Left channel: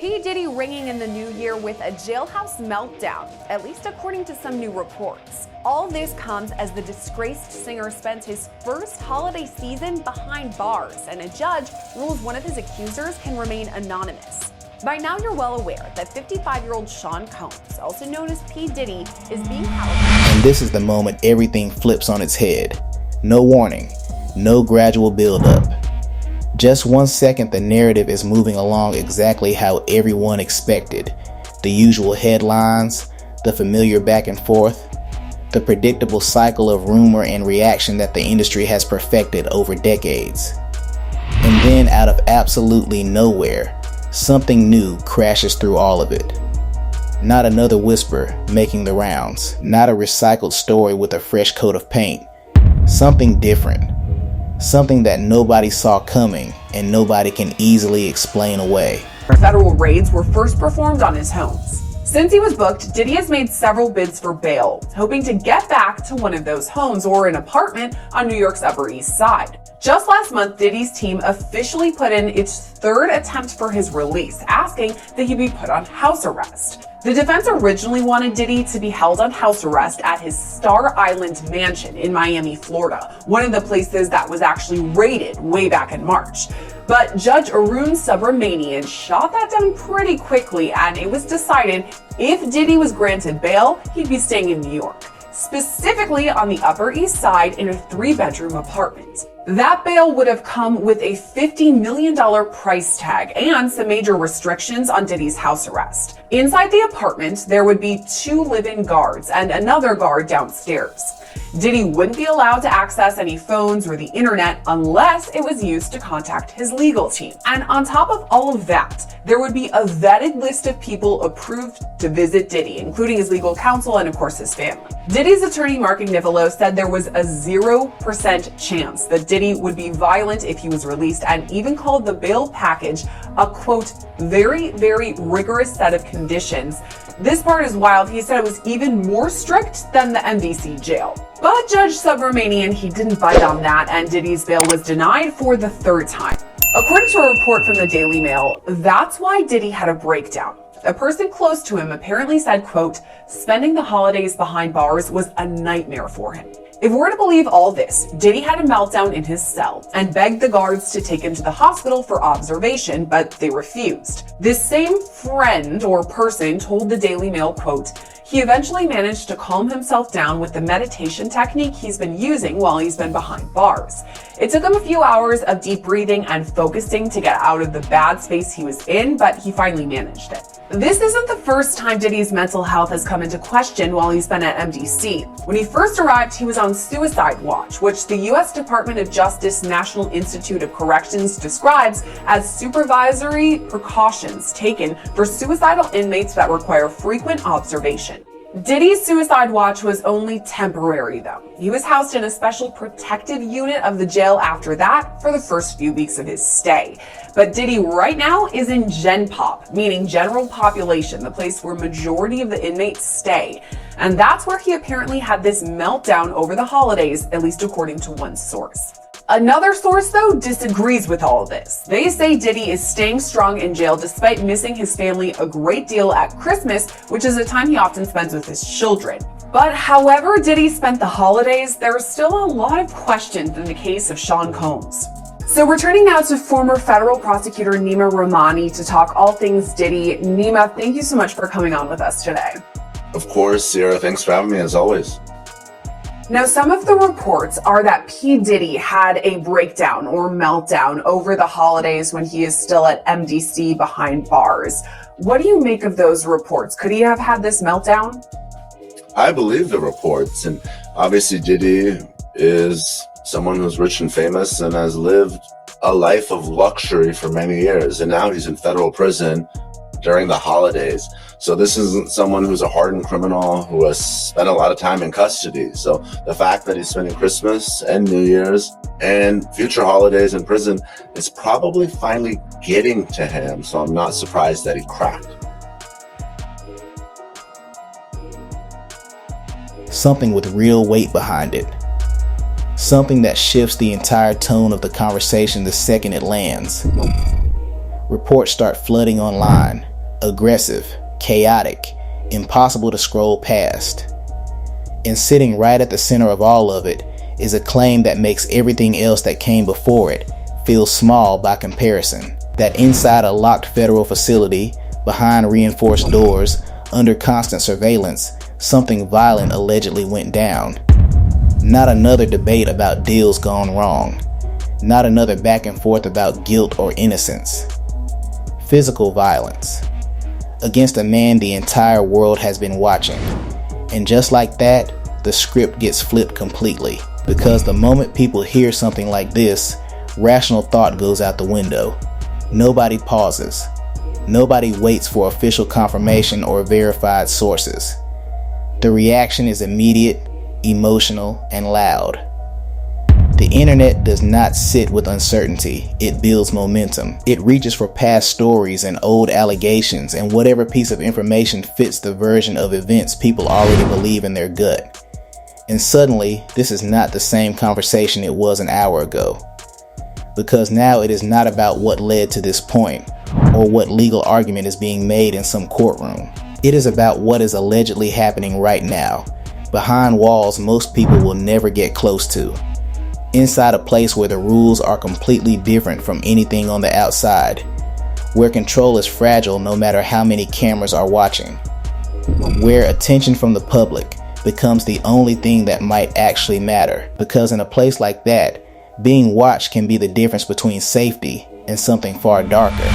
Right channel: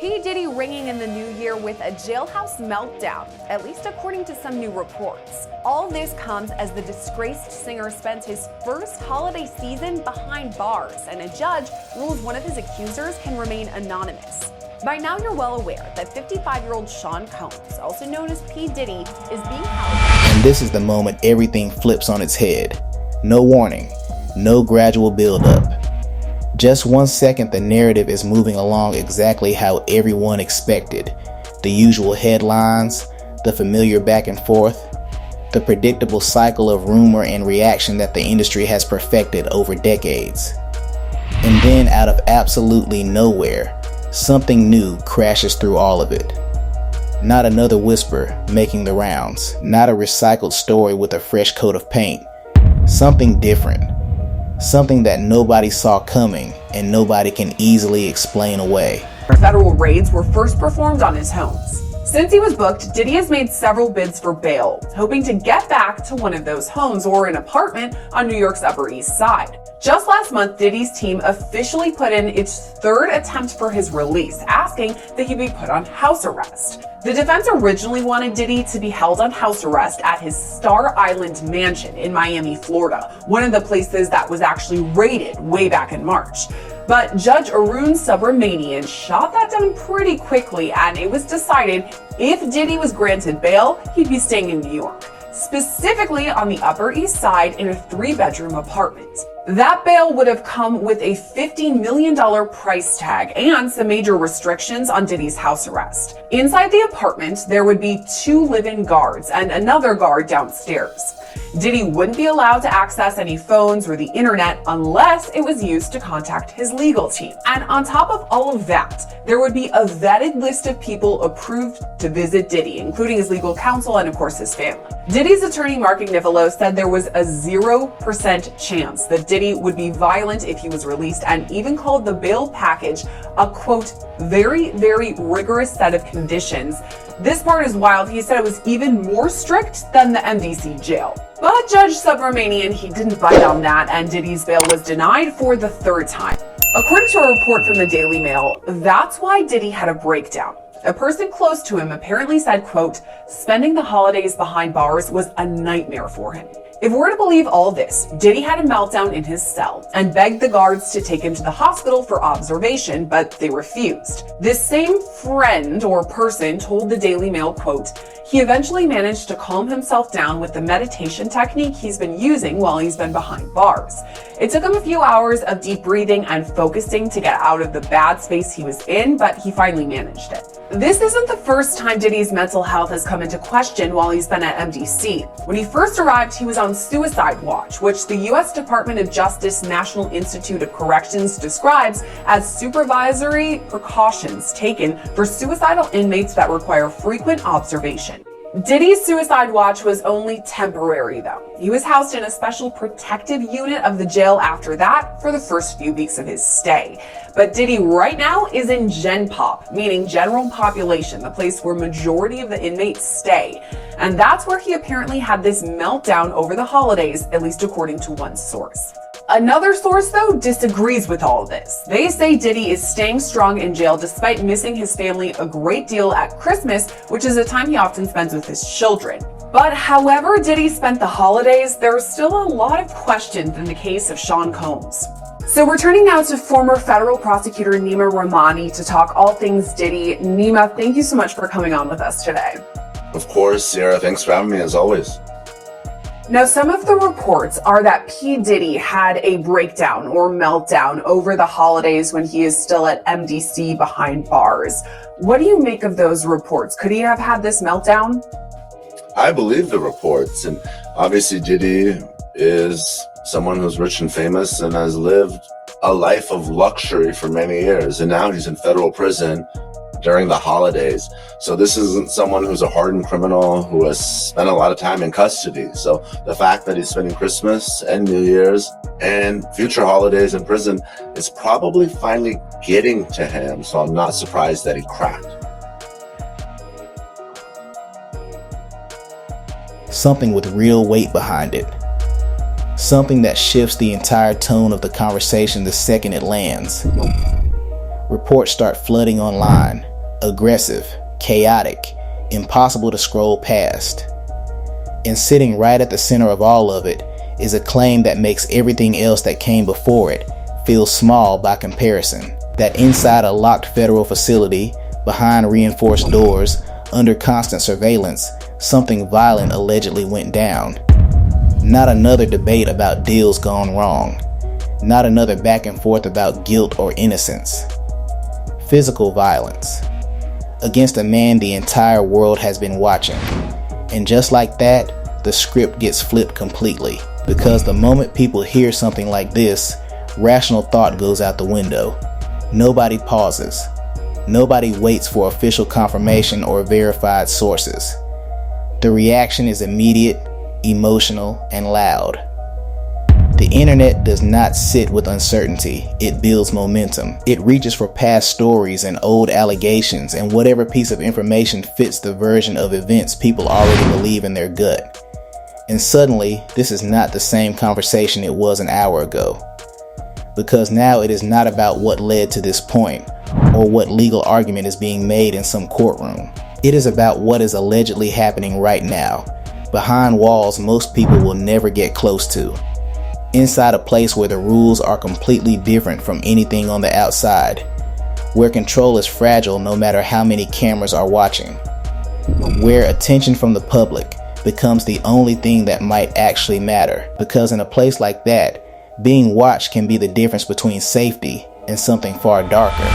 P. Diddy ringing in the new year with a jailhouse meltdown, at least according to some new reports. All this comes as the disgraced singer spends his first holiday season behind bars, and a judge rules one of his accusers can remain anonymous. By now you're well aware that 55-year-old Sean Combs, also known as P. Diddy, is being held. And this is the moment everything flips on its head. No warning, no gradual buildup. Just 1 second, the narrative is moving along exactly how everyone expected. The usual headlines, the familiar back and forth, the predictable cycle of rumor and reaction that the industry has perfected over decades. And then out of absolutely nowhere, something new crashes through all of it. Not another whisper making the rounds, not a recycled story with a fresh coat of paint. Something different. Something that nobody saw coming and nobody can easily explain away. Federal raids were first performed on his homes. Since he was booked, Diddy has made several bids for bail, hoping to get back to one of those homes or an apartment on New York's Upper East Side. Just last month, Diddy's team officially put in its third attempt for his release, asking that he be put on house arrest. The defense originally wanted Diddy to be held on house arrest at his Star Island mansion in Miami, Florida, one of the places that was actually raided way back in March. But Judge Arun Subramanian shot that down pretty quickly, and it was decided if Diddy was granted bail, he'd be staying in New York, specifically on the Upper East Side in a 3-bedroom apartment. That bail would have come with a $50 million price tag and some major restrictions on Diddy's house arrest. Inside the apartment, there would be 2 live-in guards and another guard downstairs. Diddy wouldn't be allowed to access any phones or the internet unless it was used to contact his legal team. And on top of all of that, there would be a vetted list of people approved to visit Diddy, including his legal counsel and of course his family. Diddy's attorney Mark Agnifilo said there was a 0% chance that Diddy would be violent if he was released, and even called the bail package a, quote, very, very rigorous set of conditions. This part is wild. He said it was even more strict than the MDC jail. But Judge Subramanian, he didn't bite on that, and Diddy's bail was denied for the 3rd time. According to a report from the Daily Mail, that's why Diddy had a breakdown. A person close to him apparently said, quote, spending the holidays behind bars was a nightmare for him. If we're to believe all this, Diddy had a meltdown in his cell and begged the guards to take him to the hospital for observation, but they refused. This same friend or person told the Daily Mail, quote, he eventually managed to calm himself down with the meditation technique he's been using while he's been behind bars. It took him a few hours of deep breathing and focusing to get out of the bad space he was in, but he finally managed it. This isn't the first time Diddy's mental health has come into question while he's been at MDC. When he first arrived, he was on suicide watch, which the U.S. Department of Justice National Institute of Corrections describes as supervisory precautions taken for suicidal inmates that require frequent observation. Diddy's suicide watch was only temporary, though. He was housed in a special protective unit of the jail after that for the first few weeks of his stay. But Diddy right now is in Gen Pop, meaning general population, the place where majority of the inmates stay. And that's where he apparently had this meltdown over the holidays, at least according to one source. Another source, though, disagrees with all this. They say Diddy is staying strong in jail despite missing his family a great deal at Christmas, which is a time he often spends with his children. But however Diddy spent the holidays, there are still a lot of questions in the case of Sean Combs. So we're turning now to former federal prosecutor Nima Rahmani to talk all things Diddy. Nima, thank you so much for coming on with us today. Of course, Sierra. Thanks for having me, as always. Now, some of the reports are that P. Diddy had a breakdown or meltdown over the holidays when he is still at MDC behind bars. What do you make of those reports? Could he have had this meltdown? I believe the reports, and obviously Diddy is someone who's rich and famous and has lived a life of luxury for many years, and now he's in federal prison during the holidays. So this isn't someone who's a hardened criminal who has spent a lot of time in custody. So the fact that he's spending Christmas and New Year's and future holidays in prison is probably finally getting to him. So I'm not surprised that he cracked. Something with real weight behind it. Something that shifts the entire tone of the conversation the second it lands. Reports start flooding online. Aggressive, chaotic, impossible to scroll past. And sitting right at the center of all of it is a claim that makes everything else that came before it feel small by comparison. That inside a locked federal facility, behind reinforced doors, under constant surveillance, something violent allegedly went down. Not another debate about deals gone wrong. Not another back and forth about guilt or innocence. Physical violence against a man the entire world has been watching. And just like that, the script gets flipped completely. Because the moment people hear something like this, rational thought goes out the window. Nobody pauses. Nobody waits for official confirmation or verified sources. The reaction is immediate, emotional, and loud. The internet does not sit with uncertainty, it builds momentum. It reaches for past stories and old allegations and whatever piece of information fits the version of events people already believe in their gut. And suddenly, this is not the same conversation it was an hour ago. Because now it is not about what led to this point, or what legal argument is being made in some courtroom. It is about what is allegedly happening right now, behind walls most people will never get close to. Inside a place where the rules are completely different from anything on the outside, where control is fragile no matter how many cameras are watching, where attention from the public becomes the only thing that might actually matter. Because in a place like that, being watched can be the difference between safety and something far darker.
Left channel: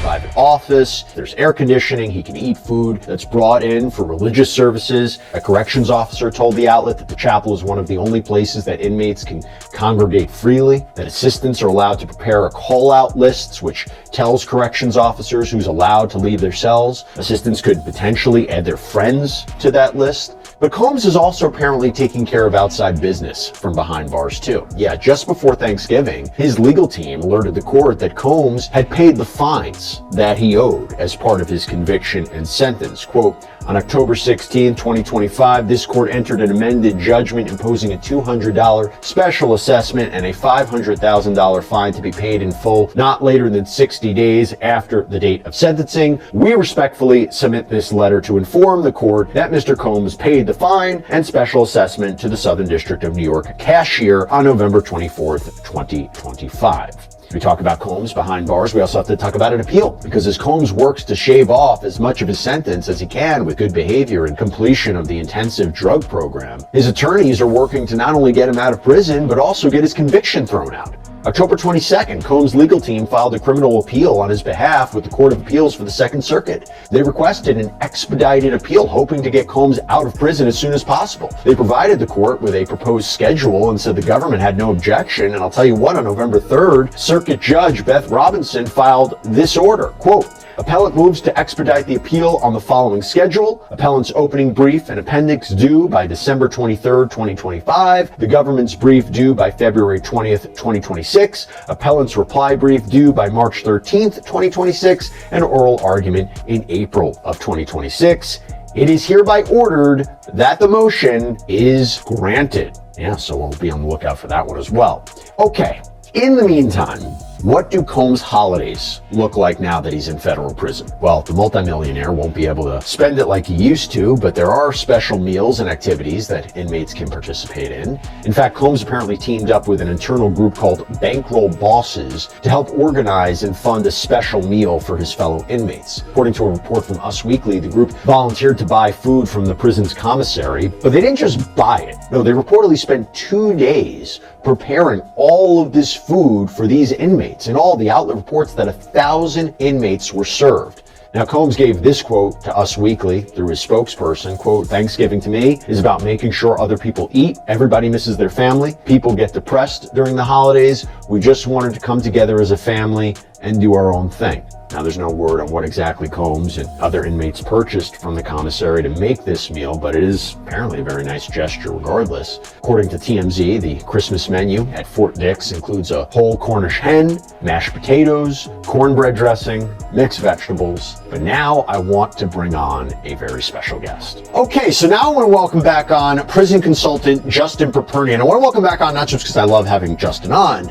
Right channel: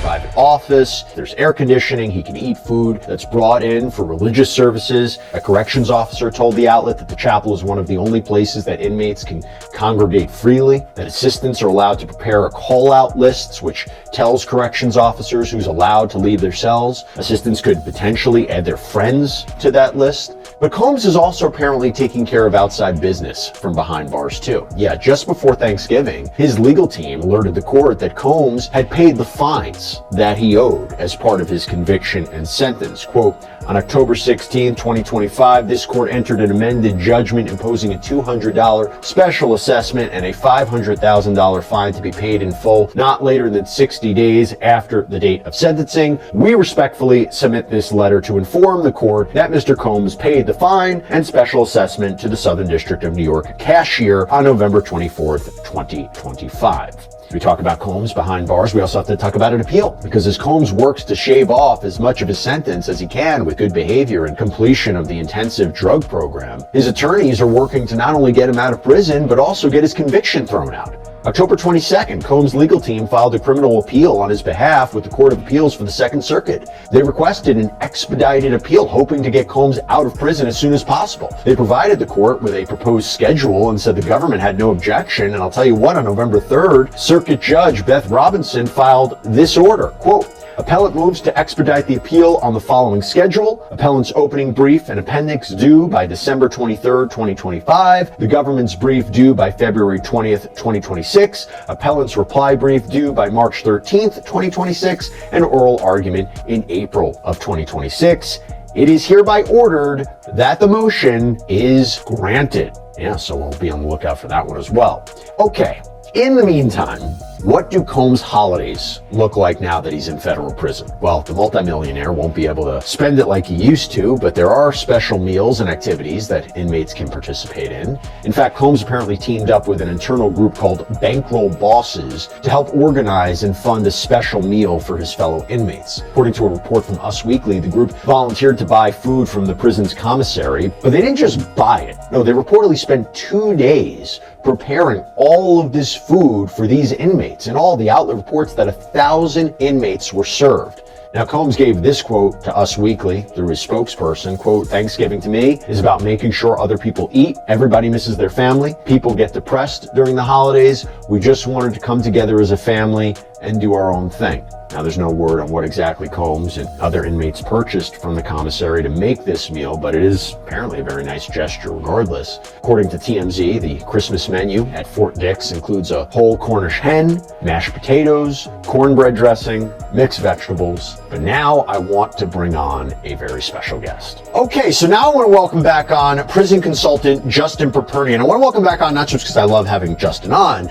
Private office, there's air conditioning, he can eat food that's brought in for religious services. A corrections officer told the outlet that the chapel is one of the only places that inmates can congregate freely, that assistants are allowed to prepare a call-out lists which tells corrections officers who's allowed to leave their cells. Assistants could potentially add their friends to that list. But Combs is also apparently taking care of outside business from behind bars too. Yeah, just before Thanksgiving, his legal team alerted the court that Combs had paid the fines that he owed as part of his conviction and sentence. Quote, on October 16, 2025, this court entered an amended judgment imposing a $200 special assessment and a $500,000 fine to be paid in full not later than 60 days after the date of sentencing. We respectfully submit this letter to inform the court that Mr. Combs paid the fine and special assessment to the Southern District of New York cashier on November 24th, 2025. We talk about Combs behind bars. We also have to talk about an appeal, because as Combs works to shave off as much of his sentence as he can with good behavior and completion of the intensive drug program, his attorneys are working to not only get him out of prison, but also get his conviction thrown out. October 22nd, Combs' legal team filed a criminal appeal on his behalf with the Court of Appeals for the Second Circuit. They requested an expedited appeal, hoping to get Combs out of prison as soon as possible. They provided the court with a proposed schedule and said the government had no objection. And I'll tell you what, on November 3rd, Circuit Judge Beth Robinson filed this order. Quote, appellant moves to expedite the appeal on the following schedule. Appellant's opening brief and appendix due by December 23rd, 2025. The government's brief due by February 20th, 2026. Appellant's reply brief due by March 13th, 2026. And oral argument in April of 2026. It is hereby ordered that the motion is granted. Yeah, so we'll be on the lookout for that one as well. Okay, in the meantime, what do Combs' holidays look like now that he's in federal prison? Well, the multimillionaire won't be able to spend it like he used to, but there are special meals and activities that inmates can participate in. In fact, Combs apparently teamed up with an internal group called Bankroll Bosses to help organize and fund a special meal for his fellow inmates. According to a report from Us Weekly, the group volunteered to buy food from the prison's commissary, but they didn't just buy it. No, they reportedly spent 2 days preparing all of this food for these inmates. And all the outlet reports that 1,000 inmates were served. Now, Combs gave this quote to Us Weekly through his spokesperson, quote, Thanksgiving to me is about making sure other people eat. Everybody misses their family. People get depressed during the holidays. We just wanted to come together as a family and do our own thing. Now, there's no word on what exactly Combs and other inmates purchased from the commissary to make this meal, but it is apparently a very nice gesture regardless. According to TMZ, the Christmas menu at Fort Dix includes a whole Cornish hen, mashed potatoes, cornbread dressing, mixed vegetables. But now I want to bring on a very special guest. Okay, so now I want to welcome back on prison consultant Justin Perpernian. I want to welcome back on not just because I love having Justin on,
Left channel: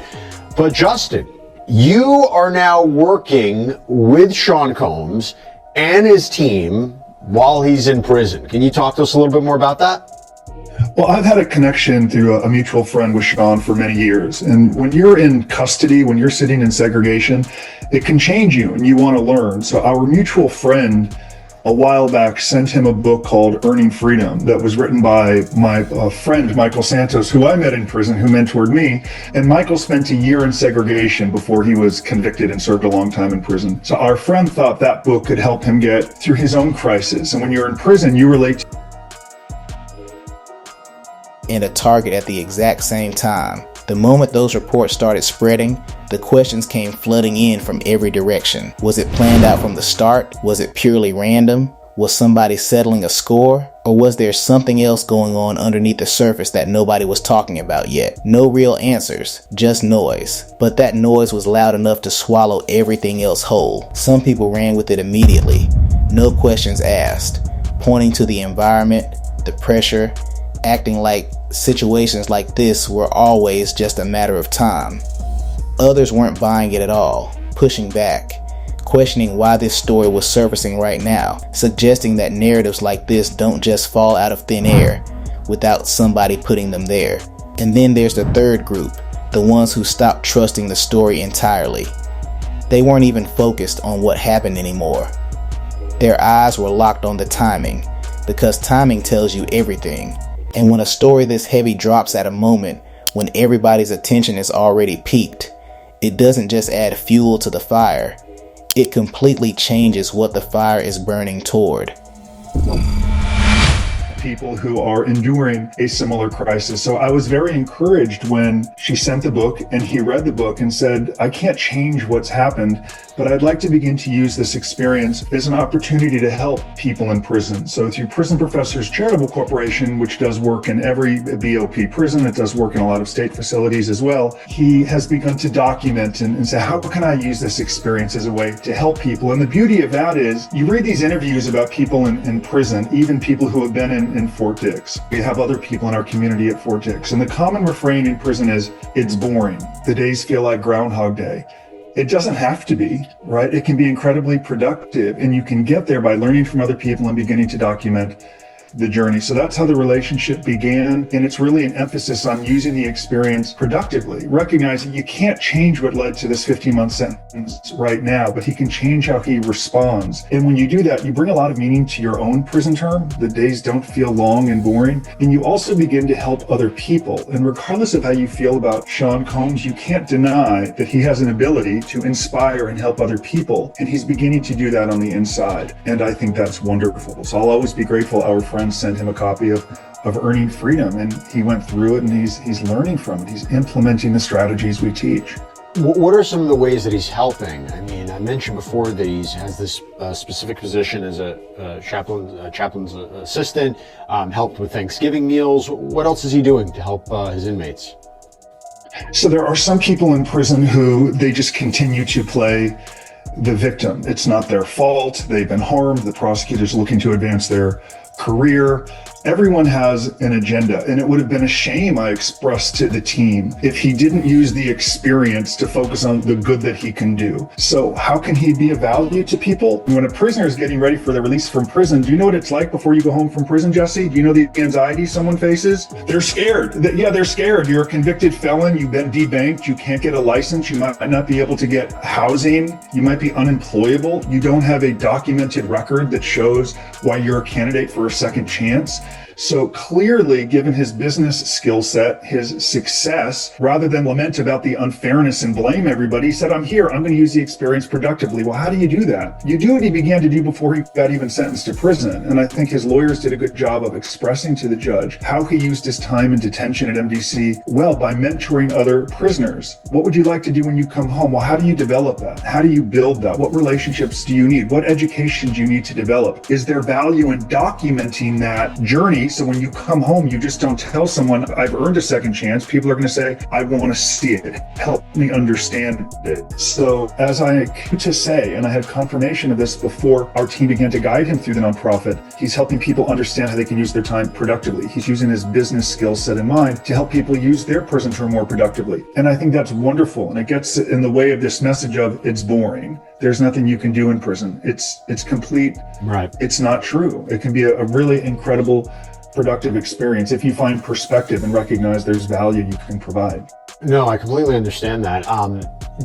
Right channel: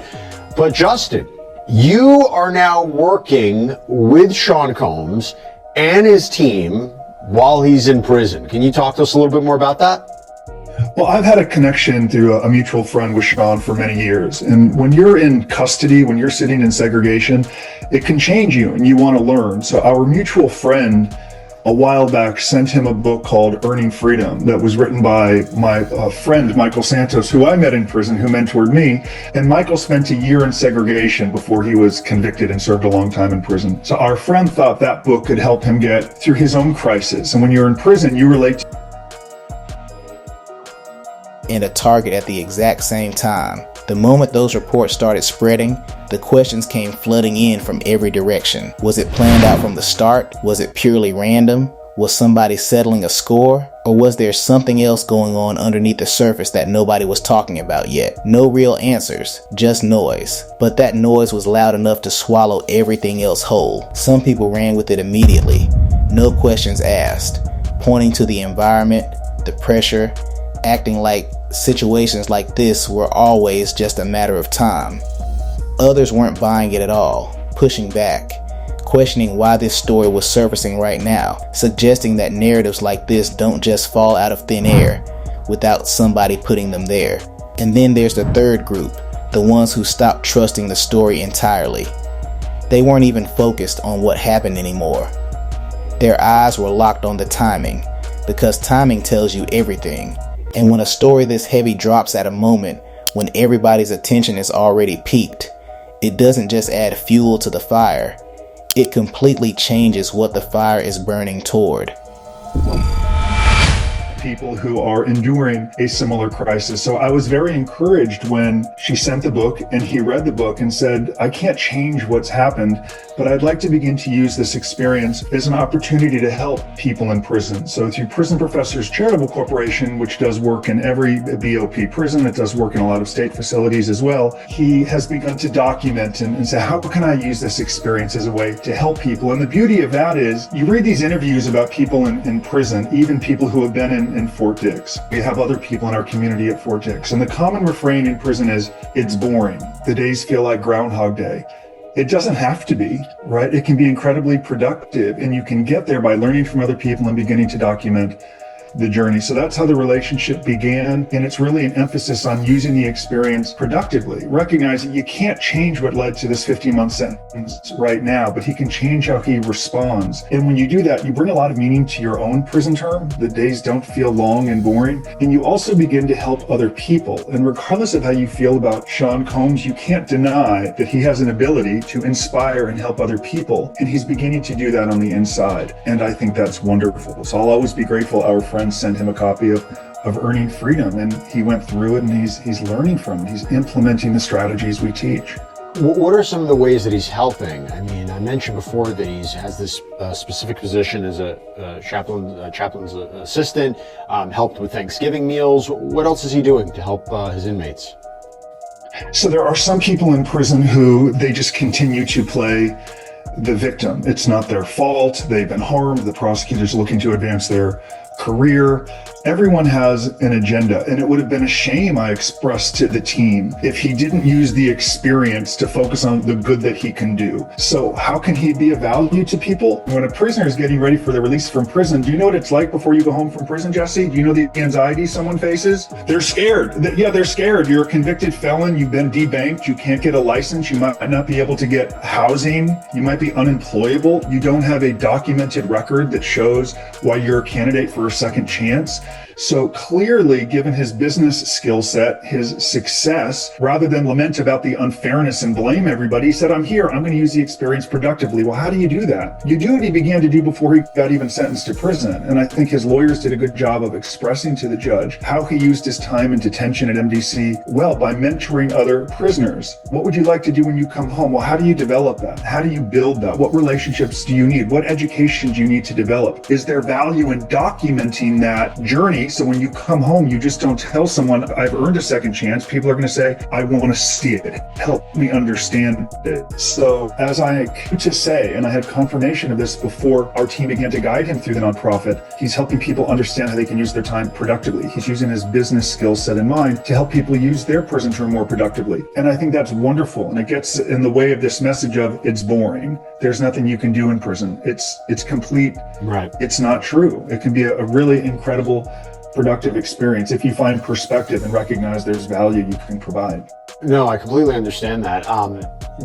but Justin, You are now working with Sean Combs and his team while he's in prison. Can you talk to us a little bit more about that? Well, I've had a connection through a mutual friend with Sean for many years. And when you're in custody, when you're sitting in segregation, it can change you and you want to learn. So our mutual friend a while back sent him a book called Earning Freedom that was written by my friend, Michael Santos, who I met in prison, who mentored me. And Michael spent a year in segregation before he was convicted and served a long time in prison. So our friend thought that book could help him get through his own crisis. And when you're in prison, you relate to and a target at the exact same time. The moment those reports started spreading, the questions came flooding in from every direction. Was it planned out from the start? Was it purely random? Was somebody settling a score? Or was there something else going on underneath the surface that nobody was talking about yet? No real answers, just noise. But that noise was loud enough to swallow everything else whole. Some people ran with it immediately, no questions asked, pointing to the environment, the pressure, acting like situations like this were always just a matter of time. Others weren't buying it at all, pushing back, questioning why this story was surfacing right now, suggesting that narratives like this don't just fall out of thin air without somebody putting them there. And then there's the third group, the ones who stopped trusting the story entirely. They weren't even focused on what happened anymore. Their eyes were locked on the timing, because timing tells you everything. And when a story this heavy drops at a moment when everybody's attention is already peaked, it doesn't just add fuel to the fire, it completely changes what the fire is burning toward. people who are enduring a similar crisis. So I was very encouraged when she sent the book and he read the book and said, I can't change what's happened, but I'd like to begin to use this experience as an opportunity to help people in prison. So through Prison Professors Charitable Corporation, which does work in every BOP prison, it does work in a lot of state facilities as well, he has begun to document and say, how can I use this experience as a way to help people? And the beauty of that is you read these interviews about people in prison, even people who have been in Fort Dix. We have other people in our community at Fort Dix. And the common refrain in prison is, it's boring. The days feel like Groundhog Day. It doesn't have to be, right? It can be incredibly productive, and you can get there by learning from other people and beginning to document the journey. So that's how the relationship began, and it's really an emphasis on using the experience productively, recognizing you can't change what led to this 15-month sentence right now, but he can change how he responds. And when you do that, you bring a lot of meaning to your own prison term. The days don't feel long and boring, and you also begin to help other people. And regardless of how you feel about Sean Combs, you can't deny that he has an ability to inspire and help other people, and he's beginning to do that on the inside. And I think that's wonderful. So I'll always be grateful our friends sent him a copy of Earning Freedom, and he went through it, and he's learning from it. He's implementing the strategies we teach. What are some of the ways that he's helping? I mean, I mentioned before that he has this specific position as a chaplain's assistant, helped with Thanksgiving meals. What else is he doing to help his inmates? So there are some people in prison who they just continue to play the victim. It's not their fault. They've been harmed. The prosecutor's looking to advance their career. Everyone has an agenda, and it would have been a shame, I expressed to the team, if he didn't use the experience to focus on the good that he can do. So how can he be of value to people? When a prisoner is getting ready for their release from prison, do you know what it's like before you go home from prison, Jesse? Do you know the anxiety someone faces? They're scared. They're scared. You're a convicted felon. You've been debanked. You can't get a license. You might not be able to get housing. You might be unemployable. You don't have a documented record that shows why you're a candidate for a second chance. So clearly, given his business skill set, his success, rather than lament about the unfairness and blame everybody, he said, I'm here, I'm going to use the experience productively. Well, how do you do that? You do what he began to do before he got even sentenced to prison. And I think his lawyers did a good job of expressing to the judge how he used his time in detention at MDC, well, by mentoring other prisoners. What would you like to do when you come home? Well, how do you develop that? How do you build that? What relationships do you need? What education do you need to develop? Is there value in documenting documenting that journey. So when you come home, you just don't tell someone, I've earned a second chance. People are going to say, I want to see it. Help me understand it. So as I came to say, and I had confirmation of this before our team began to guide him through the nonprofit, he's helping people understand how they can use their time productively. He's using his business skill set in mind to help people use their prison term more productively. And I think that's wonderful. And it gets in the way of this message of it's boring. There's nothing you can do in prison. It's complete. Right. It's not true. It can be a really incredible, productive experience if you find perspective and recognize there's value you can provide. No, I completely understand that.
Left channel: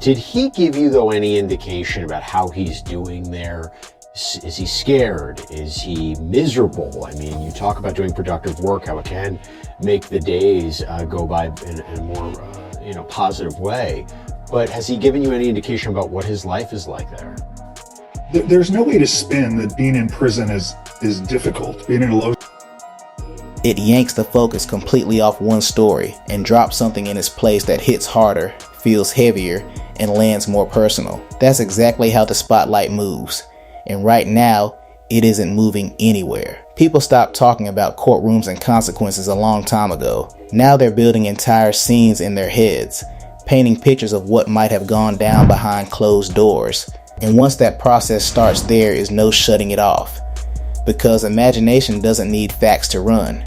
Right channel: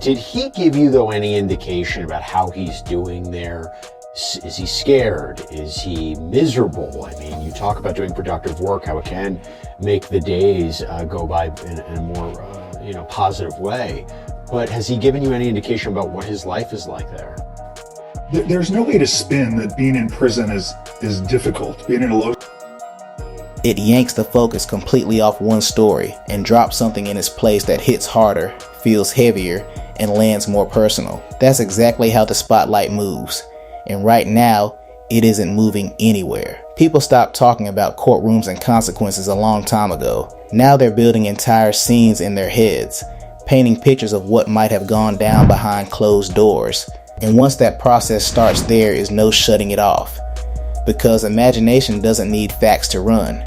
Did he give you, though, any indication about how he's doing there? Is he scared? Is he miserable? I mean, you talk about doing productive work, how it can make the days go by in a more positive way. But has he given you any indication about what his life is like there? There's no way to spin that being in prison is difficult. Being in a low. It yanks the focus completely off one story and drops something in its place that hits harder, feels heavier, and lands more personal. That's exactly how the spotlight moves. And right now, it isn't moving anywhere. People stopped talking about courtrooms and consequences a long time ago. Now they're building entire scenes in their heads, painting pictures of what might have gone down behind closed doors. And once that process starts, there is no shutting it off. Because imagination doesn't need facts to run.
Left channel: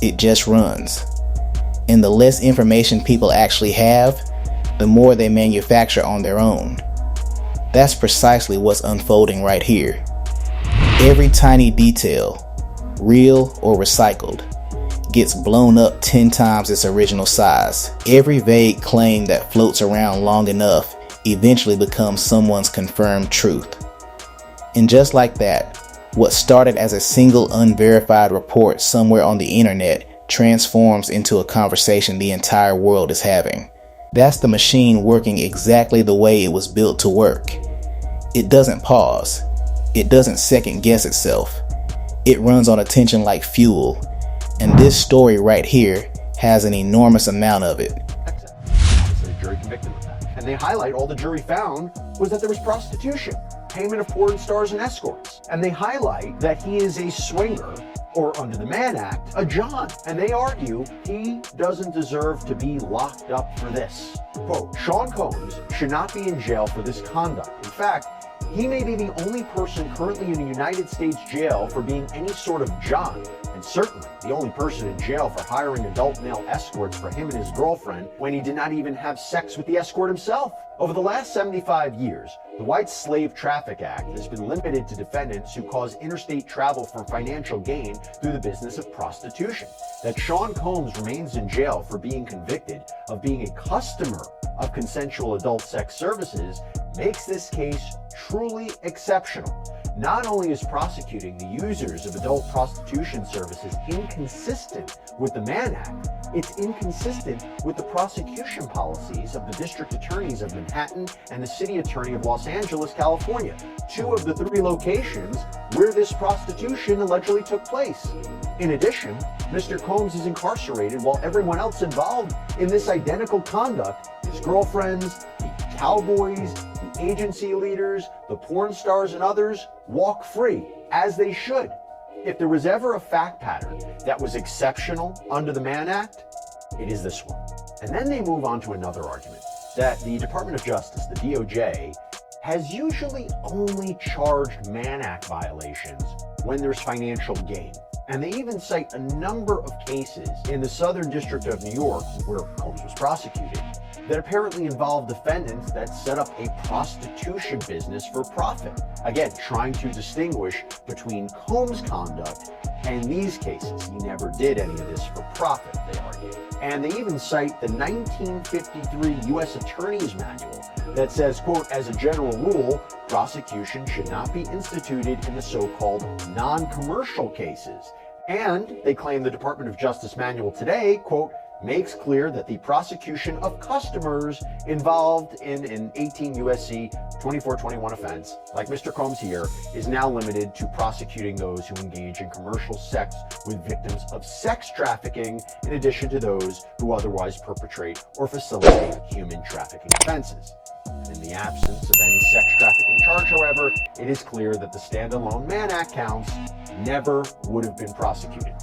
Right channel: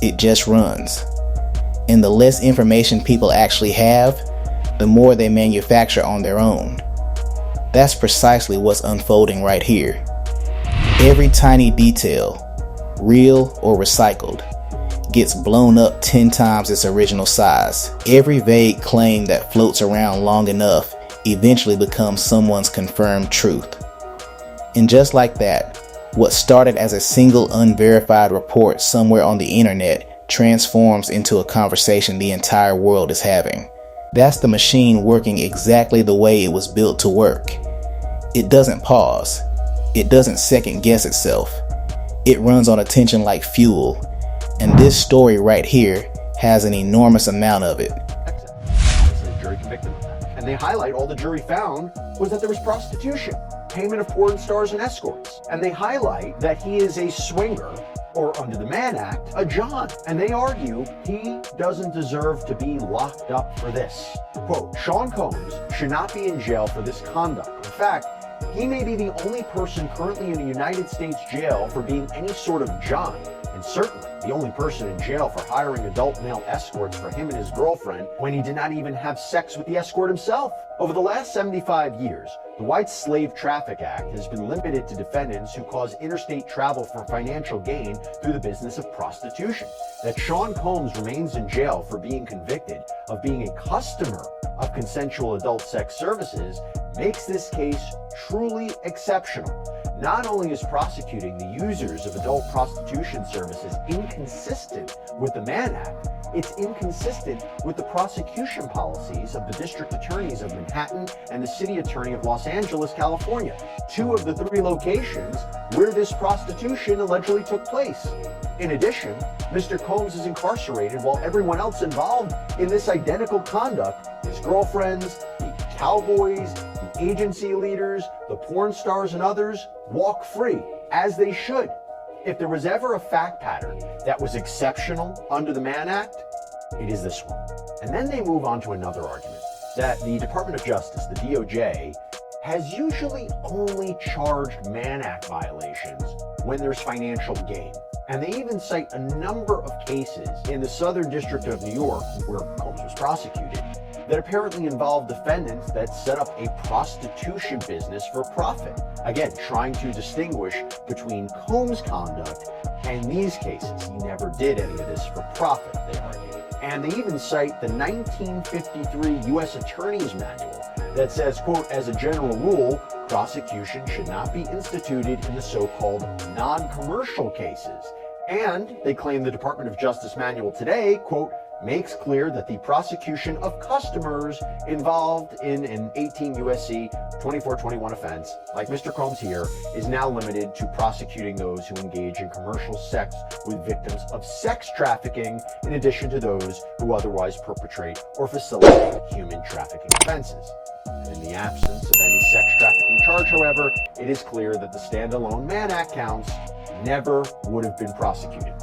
It just runs. And the less information people actually have, the more they manufacture on their own. That's precisely what's unfolding right here. Every tiny detail, real or recycled, gets blown up 10 times its original size. Every vague claim that floats around long enough eventually becomes someone's confirmed truth. And just like that, what started as a single unverified report somewhere on the internet transforms into a conversation the entire world is having. That's the machine working exactly the way it was built to work. It doesn't pause. It doesn't second guess itself. It runs on attention like fuel. And this story right here has an enormous amount of it. Obviously, the jury convicted him of that. And they highlight all the jury found was that there was prostitution, payment of porn stars and escorts. And they highlight that he is a swinger, or under the Mann Act, a John. And they argue he doesn't deserve to be locked up for this. Quote, Sean Combs should not be in jail for this conduct. In fact, he may be the only person currently in a United States jail for being any sort of John, and certainly the only person in jail for hiring adult male escorts for him and his girlfriend when he did not even have sex with the escort himself. Over the last 75 years, the White Slave Traffic Act has been limited to defendants who cause interstate travel for financial gain through the business of prostitution. That Sean Combs remains in jail for being convicted of being a customer of consensual adult sex services makes this case truly exceptional. Not only is prosecuting the users of adult prostitution services inconsistent with the Mann Act, it's inconsistent with the prosecution policies of the district attorneys of Manhattan and the city attorney of Los Angeles, California, 2 of the 3 locations where this prostitution allegedly took place. In addition, Mr. Combs is incarcerated while everyone else involved in this identical conduct, his girlfriends, the cowboys, the agency leaders, the porn stars, and others, walk free, as they should. If there was ever a fact pattern that was exceptional under the Mann Act, it is this one. And then they move on to another argument, that the Department of Justice, the DOJ, has usually only charged Mann Act violations when there's financial gain. And they even cite a number of cases in the Southern District of New York, where Combs was prosecuted, that apparently involved defendants that set up a prostitution business for profit. Again, trying to distinguish between Combs' conduct and these cases. He never did any of this for profit, they argue. And they even cite the 1953 U.S. Attorney's Manual that says, quote, as a general rule, prosecution should not be instituted in the so-called non-commercial cases. And they claim the Department of Justice Manual today, quote, makes clear that the prosecution of customers involved in an 18 U.S.C. 2421 offense, like Mr. Combs here, is now limited to prosecuting those who engage in commercial sex with victims of sex trafficking, in addition to those who otherwise perpetrate or facilitate human trafficking offenses. And in the absence of any sex trafficking charge, however, it is clear that the standalone Mann Act counts never would have been prosecuted.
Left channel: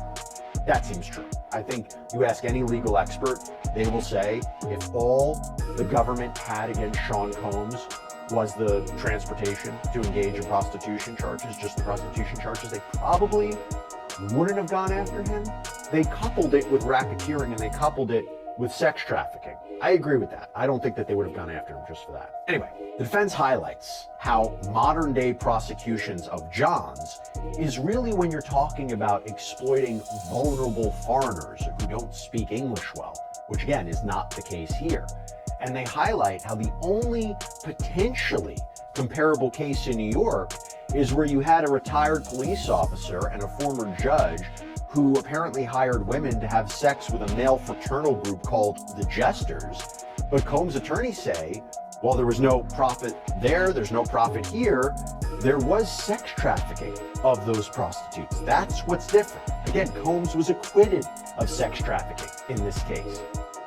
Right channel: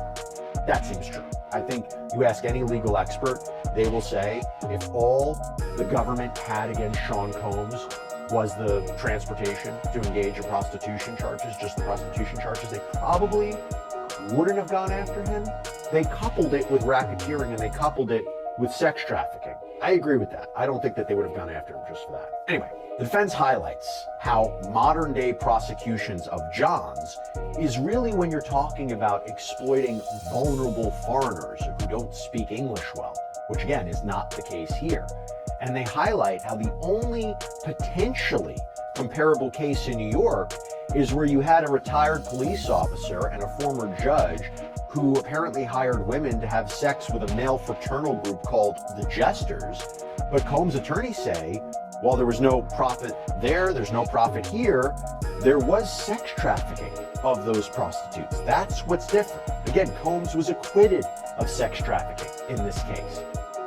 That seems true. I think you ask any legal expert, they will say if all the government had against Sean Combs was the transportation to engage in prostitution charges, just the prostitution charges, they probably wouldn't have gone after him. They coupled it with racketeering and they coupled it with sex trafficking. I agree with that. I don't think that they would have gone after him just for that. Anyway, the defense highlights how modern day prosecutions of Johns is really when you're talking about exploiting vulnerable foreigners who don't speak English well, which again is not the case here. And they highlight how the only potentially comparable case in New York is where you had a retired police officer and a former judge who apparently hired women to have sex with a male fraternal group called the Jesters. But Combs' attorneys say, while there was no profit there, there's no profit here, there was sex trafficking of those prostitutes. That's what's different. Again, Combs was acquitted of sex trafficking in this case.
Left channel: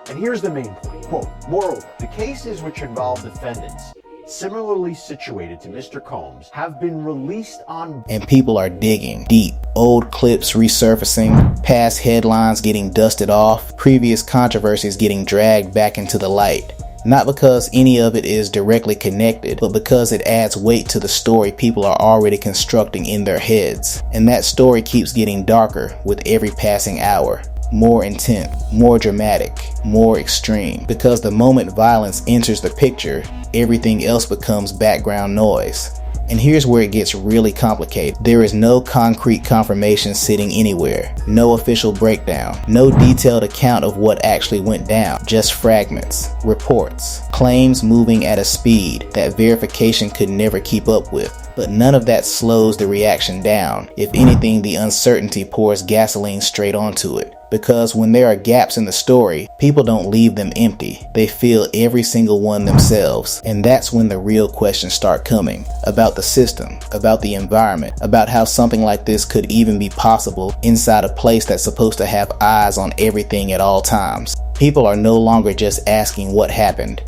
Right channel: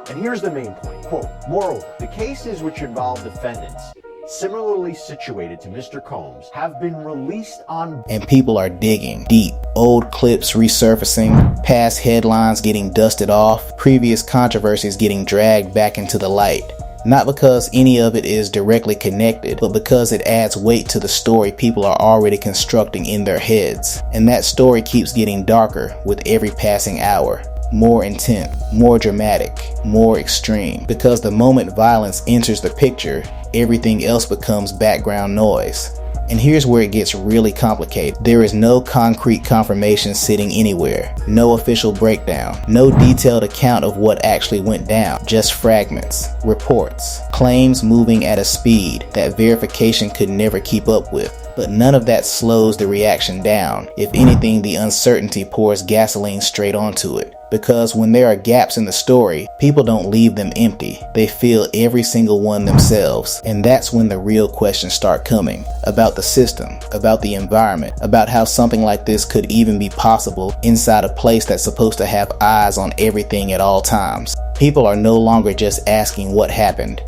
And here's the main point, quote, moreover, the cases which involve defendants similarly situated to Mr. Combs have been released on... And people are digging deep. Old clips resurfacing, past headlines getting dusted off, previous controversies getting dragged back into the light. Not because any of it is directly connected, but because it adds weight to the story people are already constructing in their heads. And that story keeps getting darker with every passing hour. More intense, more dramatic, more extreme. Because the moment violence enters the picture, everything else becomes background noise. And here's where it gets really complicated. There is no concrete confirmation sitting anywhere, no official breakdown, no detailed account of what actually went down, just fragments, reports, claims moving at a speed that verification could never keep up with. But none of that slows the reaction down. If anything, the uncertainty pours gasoline straight onto it. Because when there are gaps in the story, people don't leave them empty. They fill every single one themselves. And that's when the real questions start coming. About the system, about the environment, about how something like this could even be possible inside a place that's supposed to have eyes on everything at all times. People are no longer just asking what happened.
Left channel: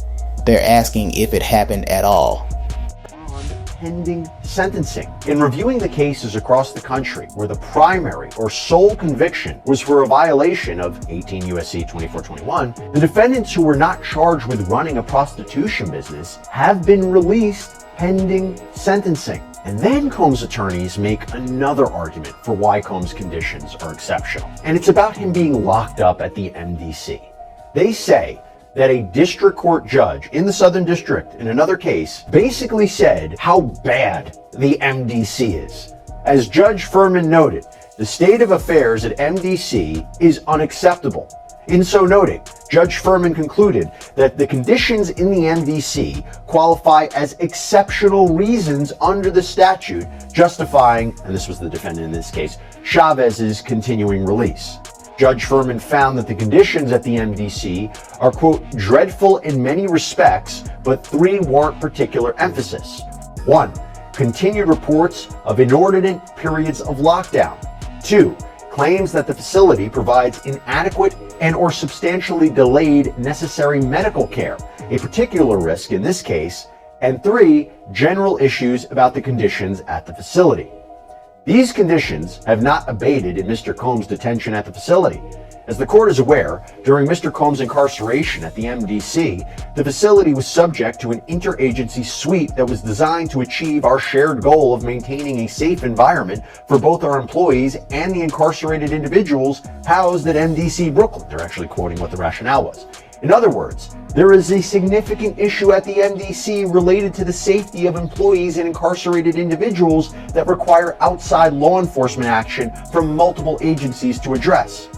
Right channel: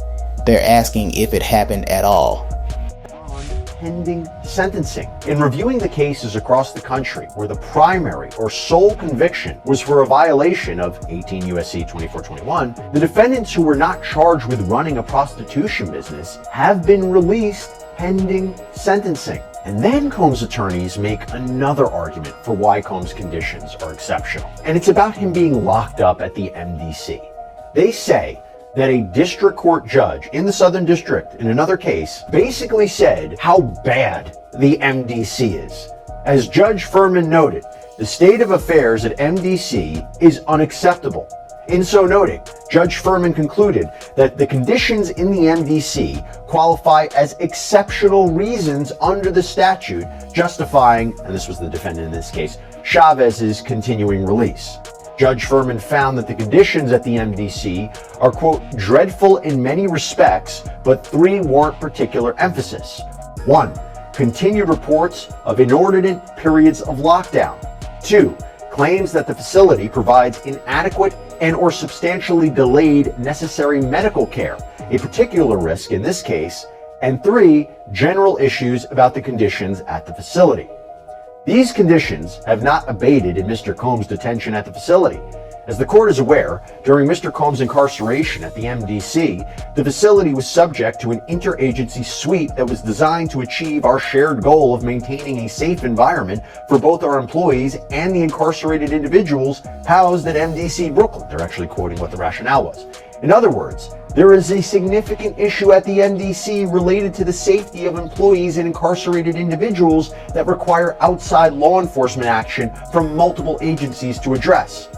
They're asking if it happened at all. Pending sentencing. In reviewing the cases across the country where the primary or sole conviction was for a violation of 18 U.S.C. 2421, the defendants who were not charged with running a prostitution business have been released pending sentencing. And then Combs' attorneys make another argument for why Combs' conditions are exceptional. And it's about him being locked up at the MDC. They say that a district court judge in the Southern District in another case basically said how bad the MDC is. As Judge Furman noted, the state of affairs at MDC is unacceptable. In so noting, Judge Furman concluded that the conditions in the MDC qualify as exceptional reasons under the statute, justifying, and this was the defendant in this case, Chavez's continuing release. Judge Furman found that the conditions at the MDC are, quote, dreadful in many respects, but three warrant particular emphasis. 1. Continued reports of inordinate periods of lockdown. 2. Claims that the facility provides inadequate and or substantially delayed necessary medical care, a particular risk in this case. And 3. General issues about the conditions at the facility. These conditions have not abated in Mr. Combs' detention at the facility. As the court is aware, during Mr. Combs' incarceration at the MDC, the facility was subject to an interagency sweep that was designed to achieve our shared goal of maintaining a safe environment for both our employees and the incarcerated individuals housed at MDC Brooklyn. They're actually quoting what the rationale was. In other words, there is a significant issue at the MDC related to the safety of employees and incarcerated individuals that require outside law enforcement action from multiple agencies to address.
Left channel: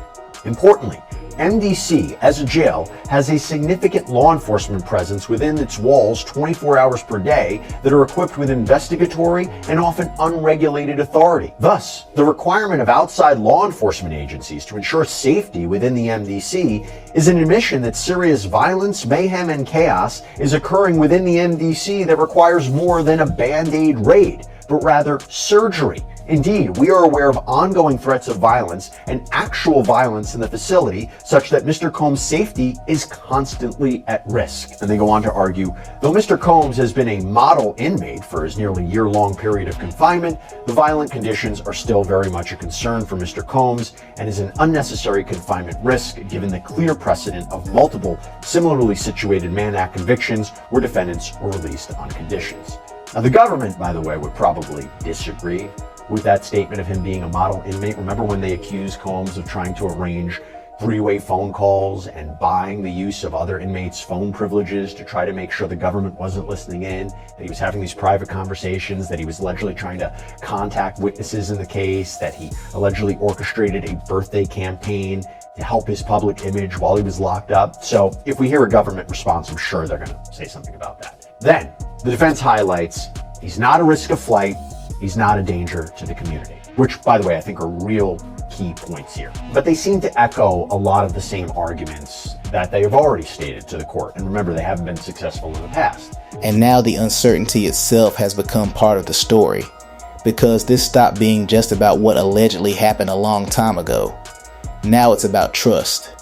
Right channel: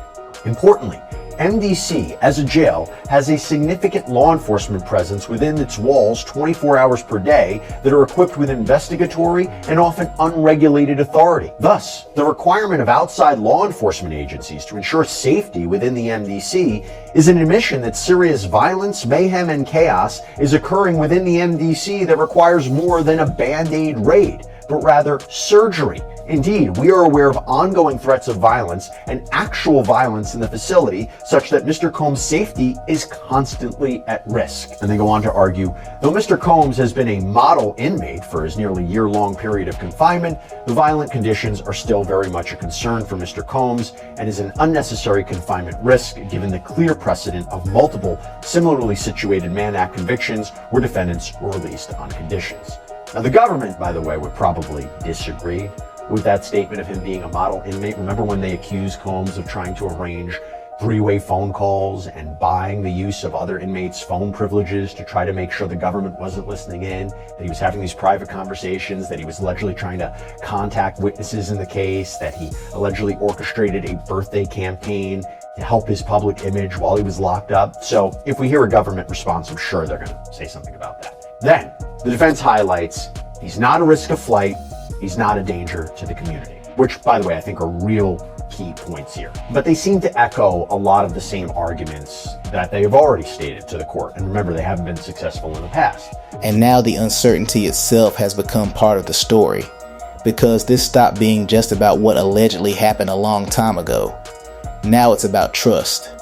Importantly, MDC, as a jail, has a significant law enforcement presence within its walls 24 hours per day that are equipped with investigatory and often unregulated authority. Thus, the requirement of outside law enforcement agencies to ensure safety within the MDC is an admission that serious violence, mayhem, and chaos is occurring within the MDC that requires more than a Band-Aid raid, but rather surgery Indeed, we are aware of ongoing threats of violence and actual violence in the facility, such that Mr. Combs' safety is constantly at risk. And they go on to argue, though Mr. Combs has been a model inmate for his nearly year-long period of confinement, the violent conditions are still very much a concern for Mr. Combs and is an unnecessary confinement risk given the clear precedent of multiple similarly situated Mann Act convictions where defendants were released on conditions. Now, the government, by the way, would probably disagree with that statement of him being a model inmate. Remember when they accused Combs of trying to arrange three-way phone calls and buying the use of other inmates' phone privileges to try to make sure the government wasn't listening in, that he was having these private conversations, that he was allegedly trying to contact witnesses in the case, that he allegedly orchestrated a birthday campaign to help his public image while he was locked up. So if we hear a government response, I'm sure they're going to say something about that. Then the defense highlights he's not a risk of flight, he's not a danger to the community, which, by the way, I think are real key points here. But they seem to echo a lot of the same arguments that they have already stated to the court. And remember, they haven't been successful in the past. And now the uncertainty itself has become part of the story, because this stopped being just about what allegedly happened a long time ago. Now it's about trust.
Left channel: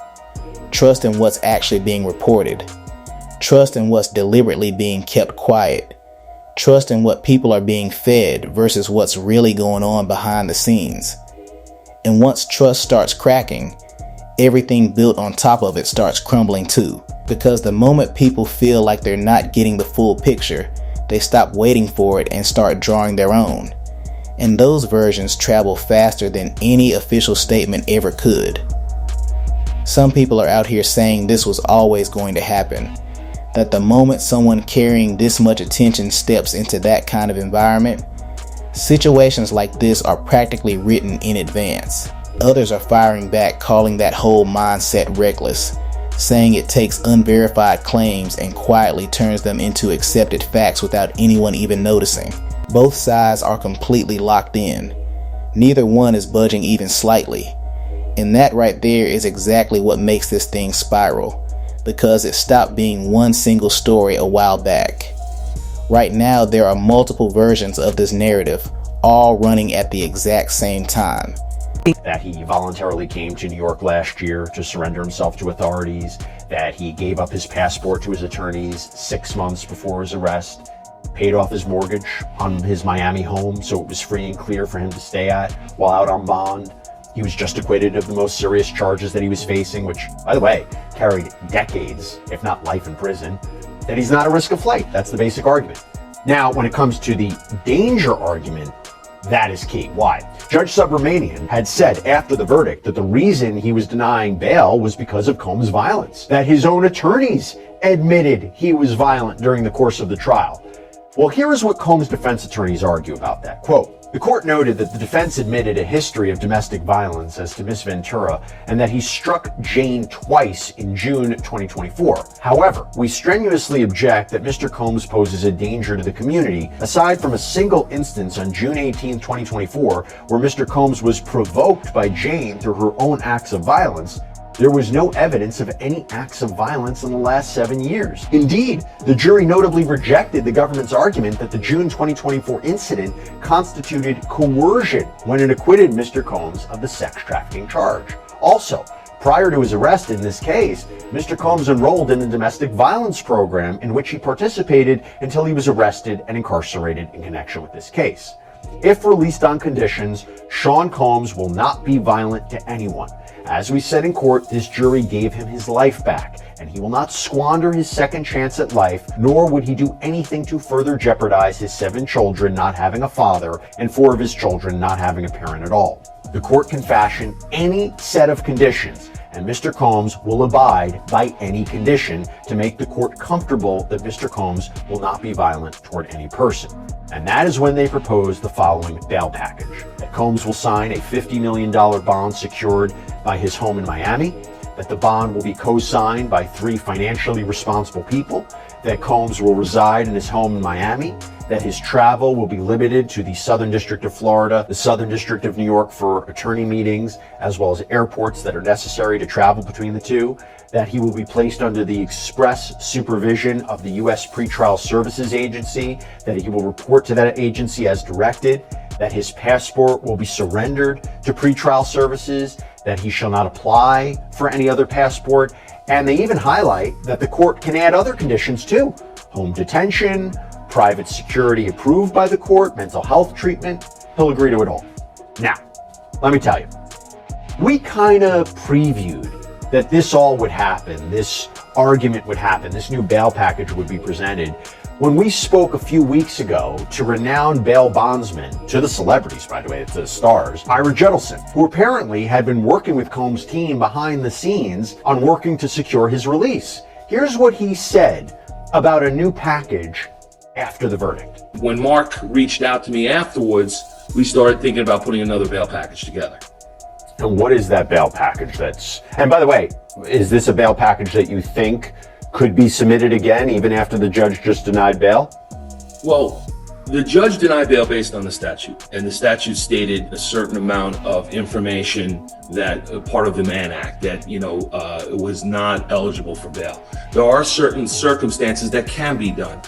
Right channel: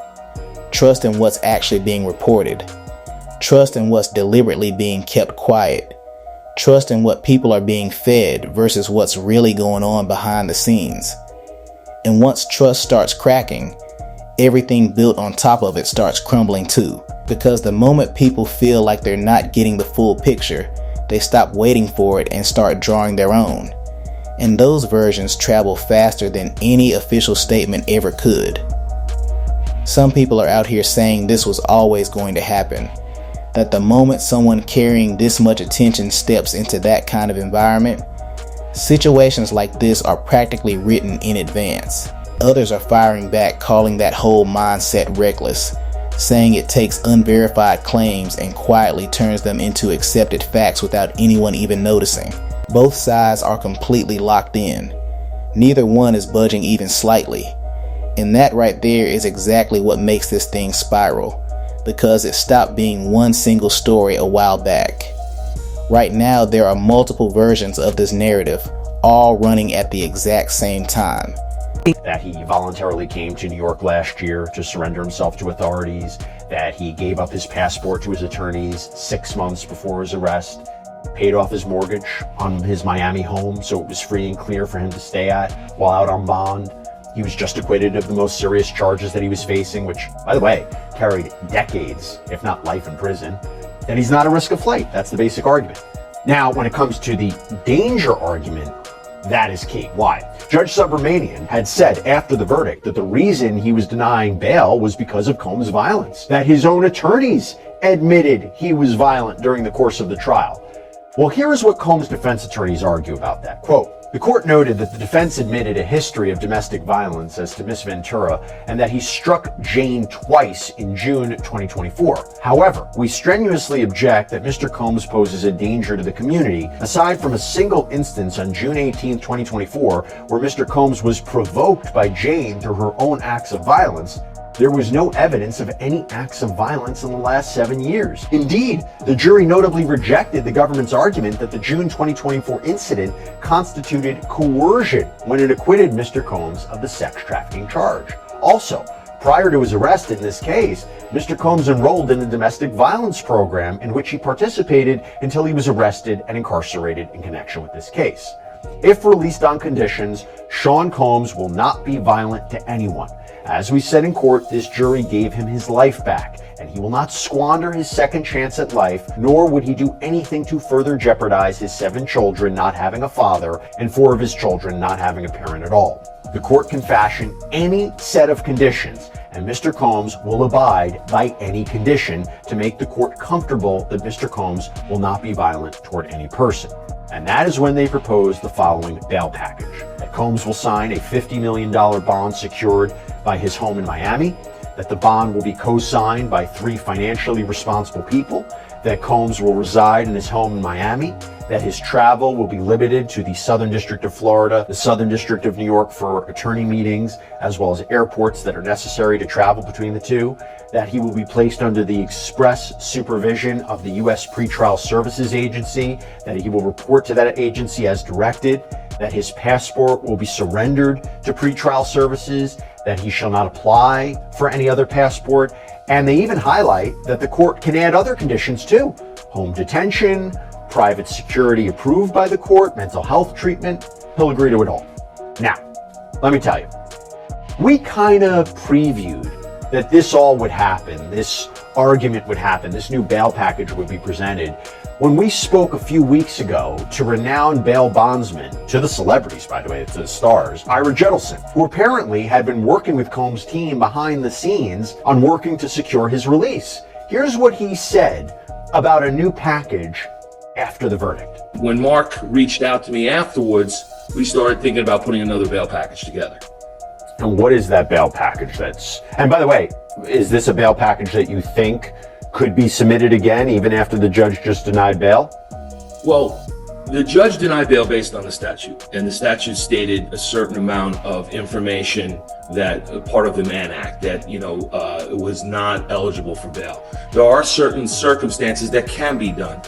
Trust in what's actually being reported. Trust in what's deliberately being kept quiet. Trust in what people are being fed versus what's really going on behind the scenes. And once trust starts cracking, everything built on top of it starts crumbling too. Because the moment people feel like they're not getting the full picture, they stop waiting for it and start drawing their own. And those versions travel faster than any official statement ever could. Some people are out here saying this was always going to happen. That the moment someone carrying this much attention steps into that kind of environment, situations like this are practically written in advance. Others are firing back, calling that whole mindset reckless, saying it takes unverified claims and quietly turns them into accepted facts without anyone even noticing. Both sides are completely locked in. Neither one is budging even slightly. And that right there is exactly what makes this thing spiral, because it stopped being one single story a while back. Right now, there are multiple versions of this narrative, all running at the exact same time. That he voluntarily came to New York last year to surrender himself to authorities, that he gave up his passport to his attorneys 6 months before his arrest, paid off his mortgage on his Miami home so it was free and clear for him to stay at while out on bond. He was just acquitted of the most serious charges that he was facing, which, by the way, carried decades, if not life in prison. That he's not a risk of flight. That's the basic argument. Now, when it comes to the danger argument, that is key. Why? Judge Subramanian had said after the verdict that the reason he was denying bail was because of Combs' violence, that his own attorneys admitted he was violent during the course of the trial. Well, here is what Combs' defense attorneys argue about that. Quote, the court noted that the defense admitted a history of domestic violence as to Miss Ventura and that he struck Jane twice in June 2024. However, we strenuously object that Mr. Combs poses a danger to the community, aside from a single instance on June 18, 2024, where Mr. Combs was provoked by Jane through her own acts of violence. There was no evidence of any acts of violence in the last 7 years. Indeed, the jury notably rejected the government's argument that the June 2024 incident constituted coercion when it acquitted Mr. Combs of the sex trafficking charge. Also, prior to his arrest in this case, Mr. Combs enrolled in the domestic violence program in which he participated until he was arrested and incarcerated in connection with this case. If released on conditions, Sean Combs will not be violent to anyone. As we said in court, this jury gave him his life back, and he will not squander his second chance at life, nor would he do anything to further jeopardize his 7 children not having a father and 4 of his children not having a parent at all. The court can fashion any set of conditions, and Mr. Combs will abide by any condition to make the court comfortable that Mr. Combs will not be violent toward any person. And that is when they propose the following bail package. That Combs will sign a $50 million bond secured by his home in Miami, that the bond will be co-signed by 3 financially responsible people, that Combs will reside in his home in Miami, that his travel will be limited to the Southern District of Florida, the Southern District of New York for attorney meetings, as well as airports that are necessary to travel between the two, that he will be placed under the express supervision of the U.S. Pretrial Services Agency, that he will report to that agency as directed, that his passport will be surrendered to pretrial services, that he shall not apply for any other passport, and they even highlight that the court can add other conditions too: home detention, private security approved by the court, mental health treatment. He'll agree to it all. Now, let me tell you, we kind of previewed that this all would happen, this argument would happen, this new bail package would be presented when we spoke a few weeks ago to renowned bail bondsman, to the celebrities, by the way, to the stars, Ira Jettleson, who apparently had been working with Combs' team behind the scenes on working to secure his release. Here's what he said about a new package after the verdict. When Mark reached out to me afterwards, we started thinking about putting another bail package together. And what is that bail package and by the way, is this a bail package that you think could be submitted again even after the judge just denied bail? Well, the judge denied bail based on the statute, and the statute stated a certain amount of information that part of the Mann Act that, was not eligible for bail. There are certain circumstances that can be done.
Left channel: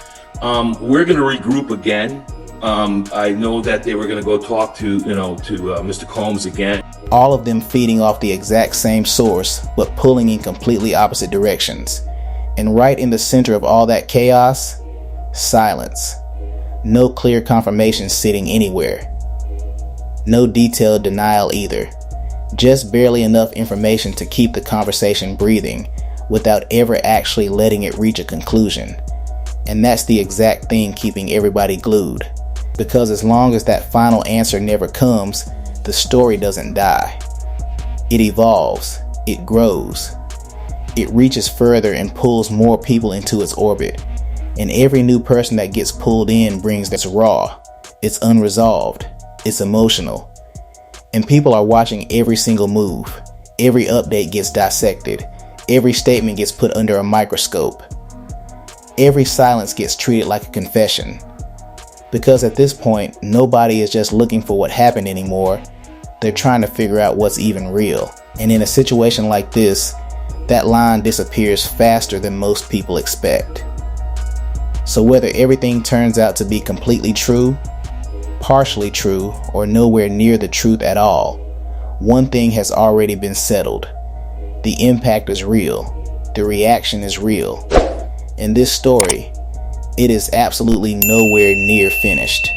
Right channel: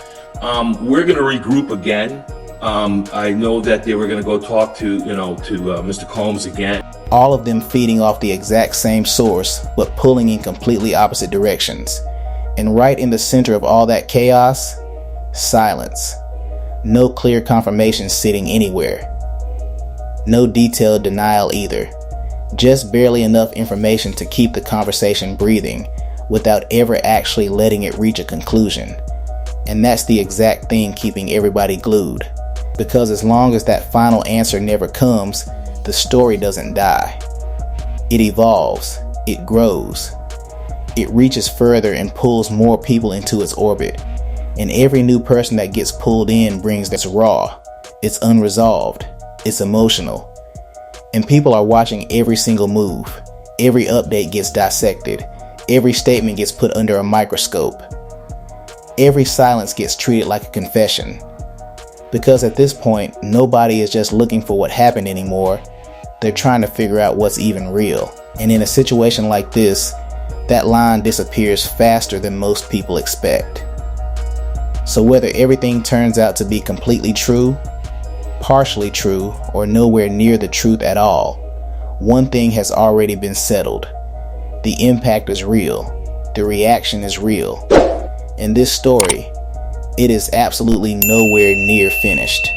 We're going to regroup again. I know that they were going to go talk to Mr. Combs again. All of them feeding off the exact same source, but pulling in completely opposite directions. And right in the center of all that chaos, silence. No clear confirmation sitting anywhere. No detailed denial either. Just barely enough information to keep the conversation breathing without ever actually letting it reach a conclusion. And that's the exact thing keeping everybody glued. Because as long as that final answer never comes, the story doesn't die. It evolves. It grows. It reaches further and pulls more people into its orbit. And every new person that gets pulled in brings this raw. It's unresolved. It's emotional. And people are watching every single move. Every update gets dissected. Every statement gets put under a microscope. Every silence gets treated like a confession. Because at this point, nobody is just looking for what happened anymore. They're trying to figure out what's even real. And in a situation like this, that line disappears faster than most people expect. So whether everything turns out to be completely true, partially true, or nowhere near the truth at all, one thing has already been settled. The impact is real. The reaction is real. In this story, it is absolutely nowhere near finished.